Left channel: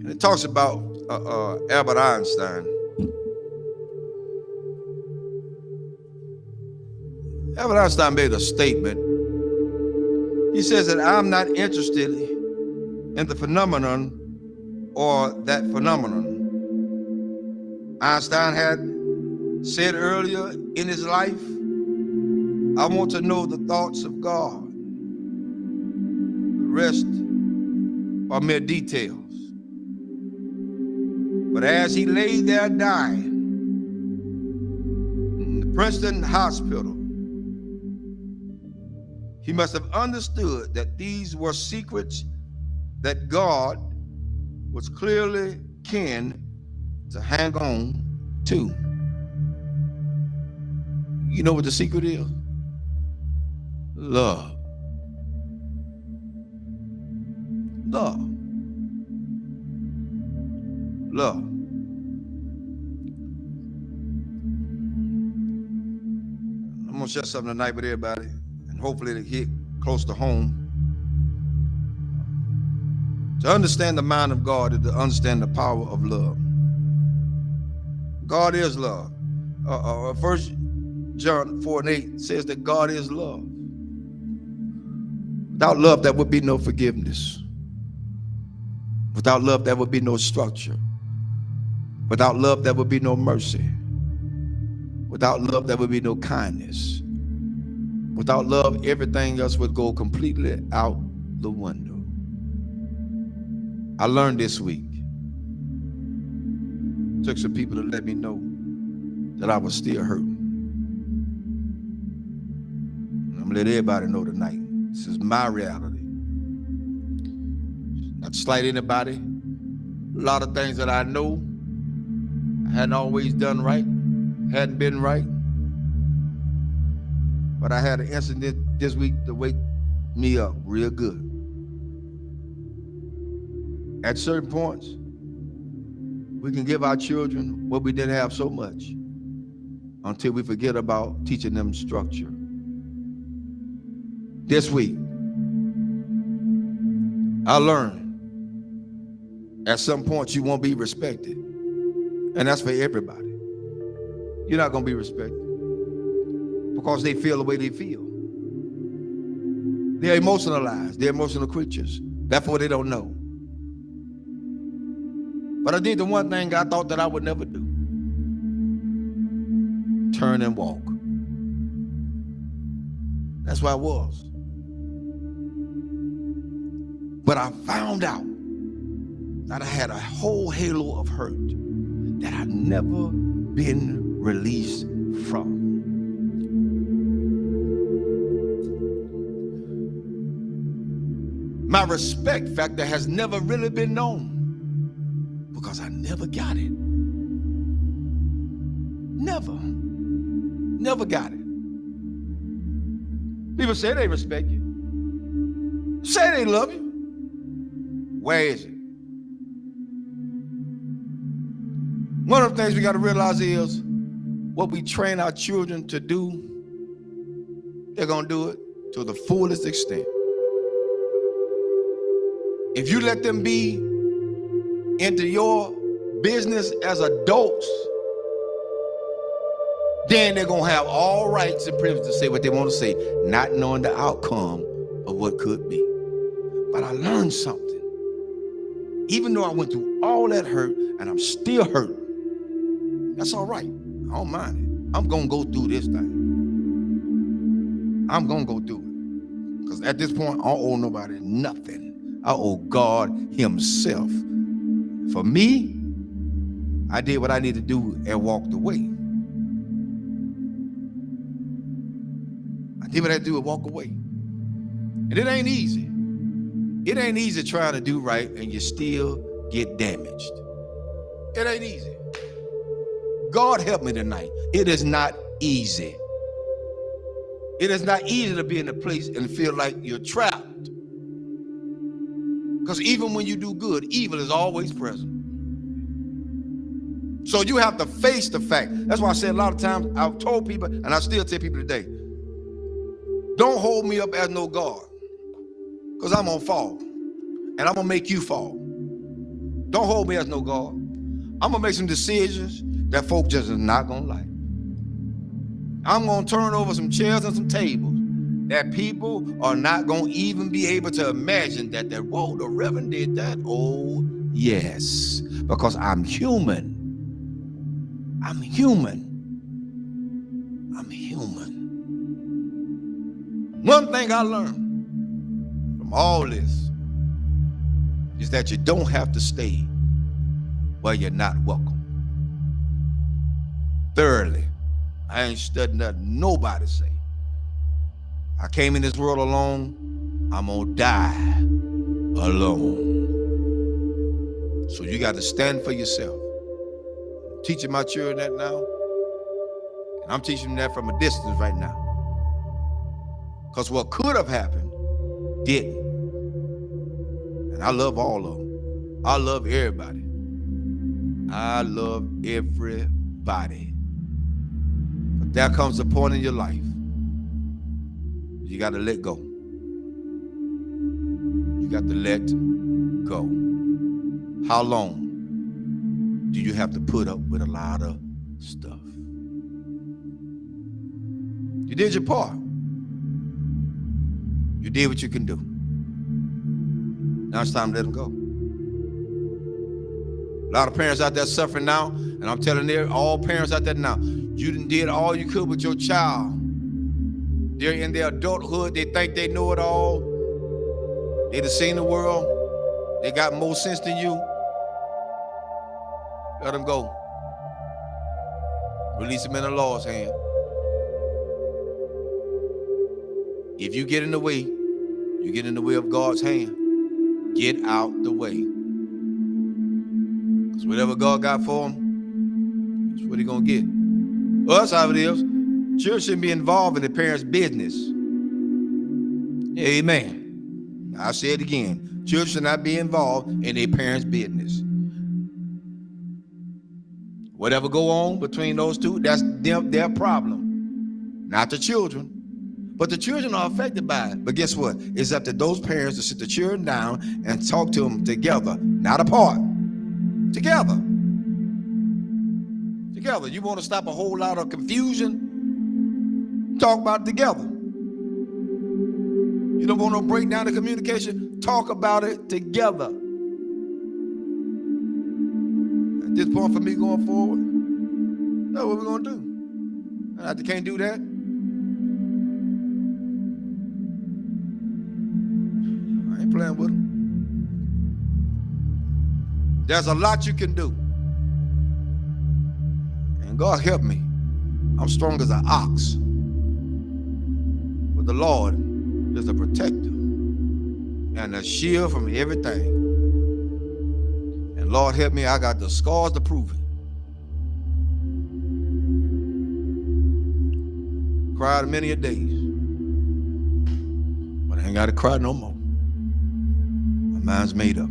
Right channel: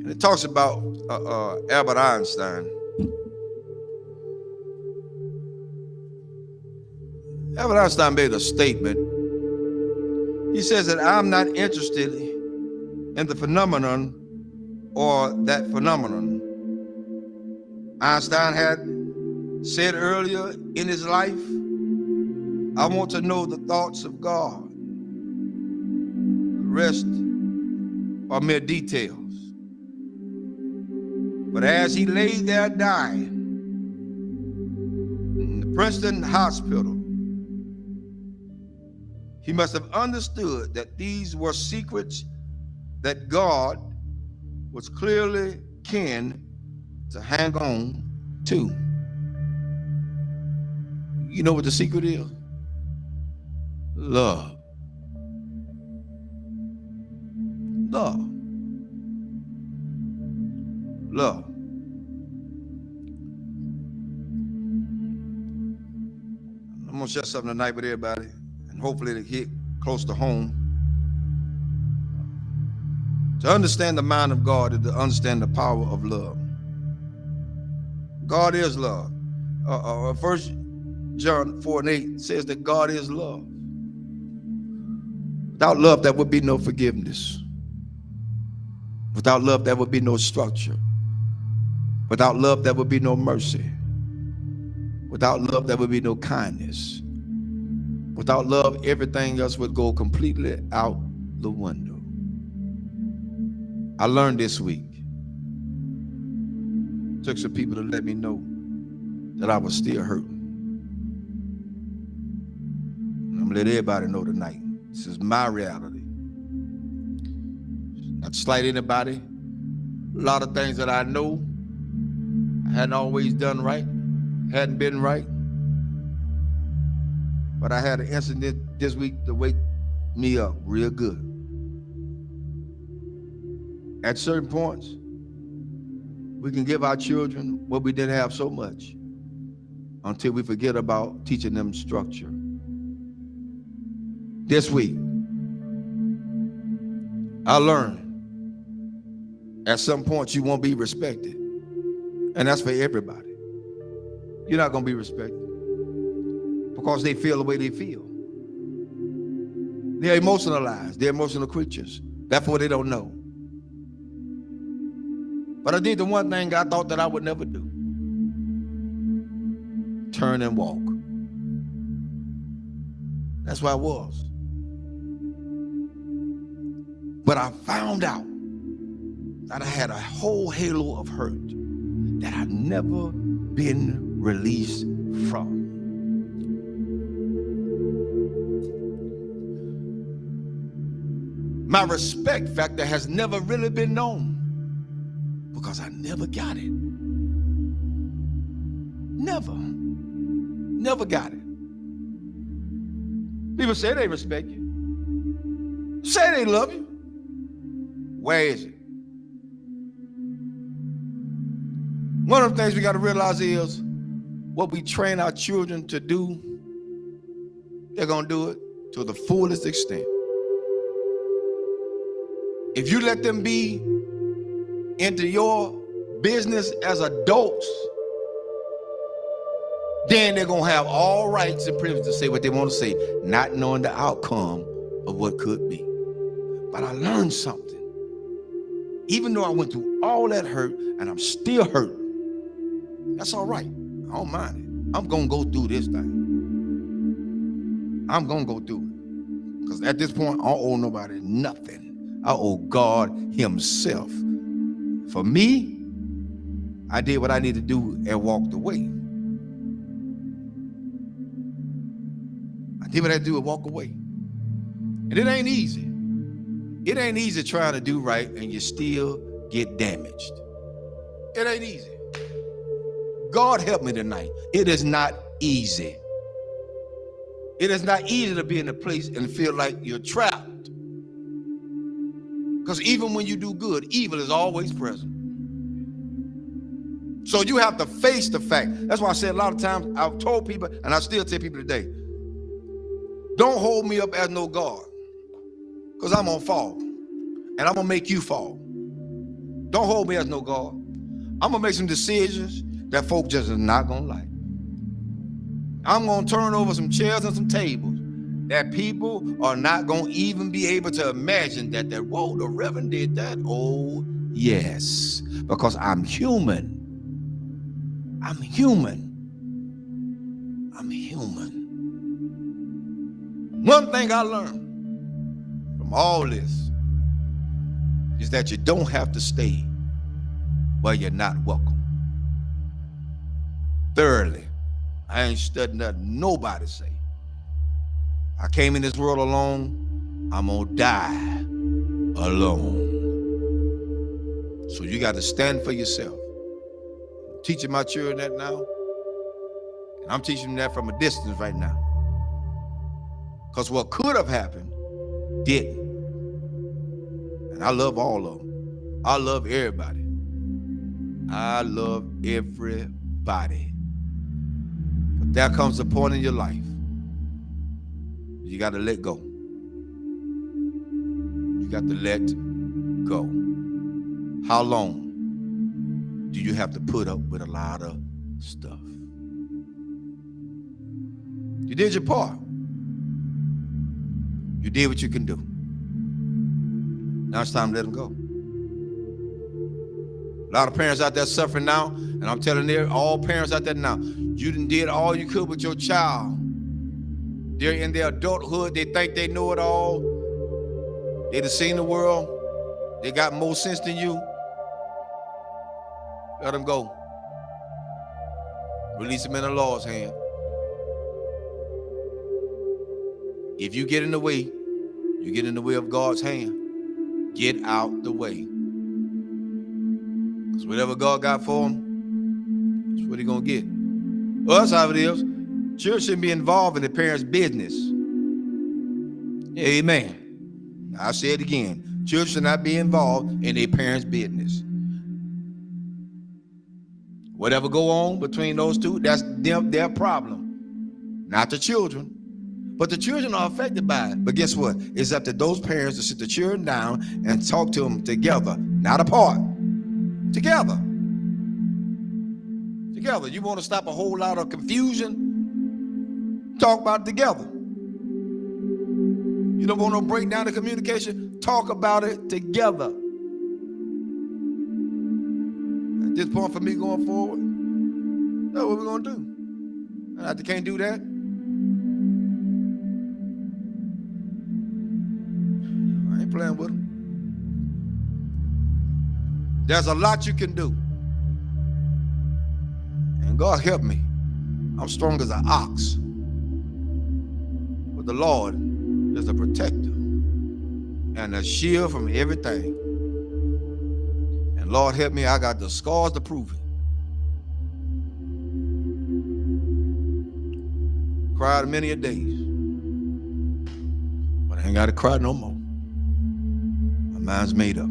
And it talks about Albert Einstein. Albert Einstein made a statement. He says that I'm not interested in the phenomenon or that phenomenon. Einstein had said earlier in his life, I want to know the thoughts of God. The rest are mere details. But as he lay there dying in the Princeton hospital, he must have understood that these were secrets that God was clearly keen to hang on to. You know what the secret is? Love. Love. Love. I'm going to share something tonight with everybody, and hopefully it'll hit close to home. To understand the mind of God is to understand the power of love. God is love. 1 John 4:8 says that God is love. Without love, there would be no forgiveness. Without love, there would be no structure. Without love, there would be no mercy. Without love, there would be no kindness. Without love, everything else would go completely out the window. I learned this week. Took some people to let me know that I was still hurting. And I'm gonna let everybody know tonight. This is my reality. Not to slight anybody. A lot of things that I know I hadn't always done right, hadn't been right. But I had an incident this week to wake me up real good. At certain points, we can give our children what we didn't have so much until we forget about teaching them structure. This week, I learned at some point you won't be respected. And that's for everybody. You're not going to be respected because they feel the way they feel. They're emotionalized. They're emotional creatures. Therefore, they don't know. But I did the one thing I thought that I would never do. Turn and walk. That's where I was. But I found out that I had a whole halo of hurt that I'd never been released from. My respect factor has never really been known because I never got it. Never got it. People say they respect you. Say they love you. Where is it? One of the things we got to realize is what we train our children to do, they're going to do it to the fullest extent. If you let them be into your business as adults, then they're going to have all rights and privileges to say what they want to say, not knowing the outcome of what could be. But I learned something. Even though I went through all that hurt and I'm still hurting, that's all right. I don't mind it. I'm going to go through this thing. I'm going to go through it. Because at this point, I don't owe nobody nothing. I owe God himself. For me, I did what I needed to do and walked away. I did what I had to do and walk away. And it ain't easy. It ain't easy trying to do right and you still get damaged. It ain't easy. God help me tonight. It is not easy. It is not easy to be in a place and feel like you're trapped. Because even when you do good, evil is always present. So you have to face the fact. That's why I said a lot of times, I've told people, and I still tell people today, don't hold me up as no God. Because I'm going to fall. And I'm going to make you fall. Don't hold me as no God. I'm going to make some decisions that folk just are not going to like. I'm going to turn over some chairs and some tables that people are not going to even be able to imagine that, whoa, the Reverend did that. Oh, yes, because I'm human. I'm human. I'm human. One thing I learned from all this is that you don't have to stay where you're not welcome. Thirdly, I ain't studying nothing nobody say. I came in this world alone. I'm gonna die alone. So you got to stand for yourself. I'm teaching my children that now, and I'm teaching them that from a distance right now. Because what could have happened didn't. And I love all of them. I love everybody. I love everybody. But there comes a point in your life you got to let go. You got to let go. How long do you have to put up with a lot of stuff? You did your part. You did what you can do. Now it's time to let them go. A lot of parents out there suffering now, and I'm telling all parents out there now, you done did all you could with your child. They're in their adulthood. They think they know it all. They done seen the world. They got more sense than you. Let them go. Release them in the Lord's hand. If you get in the way, you get in the way of God's hand. Get out the way. Because whatever God got for them, that's what he's going to get. Well, that's how it is. Children shouldn't be involved in the parents' business. Amen. I'll say it again. Children should not be involved in their parents' business. Whatever go on between those two, that's their problem. Not the children. But the children are affected by it. But guess what? It's up to those parents to sit the children down and talk to them together, not apart. Together. Together. You want to stop a whole lot of confusion? Talk about it together. You don't want to break down the communication? Talk about it together. At this point for me going forward, that's what we're going to do. And if they can't do that, I ain't playing with them. There's a lot you can do. And God help me. I'm strong as an ox. But the Lord is a protector and a shield from everything. And Lord help me, I got the scars to prove it. Cried many a days. But I ain't got to cry no more. My mind's made up.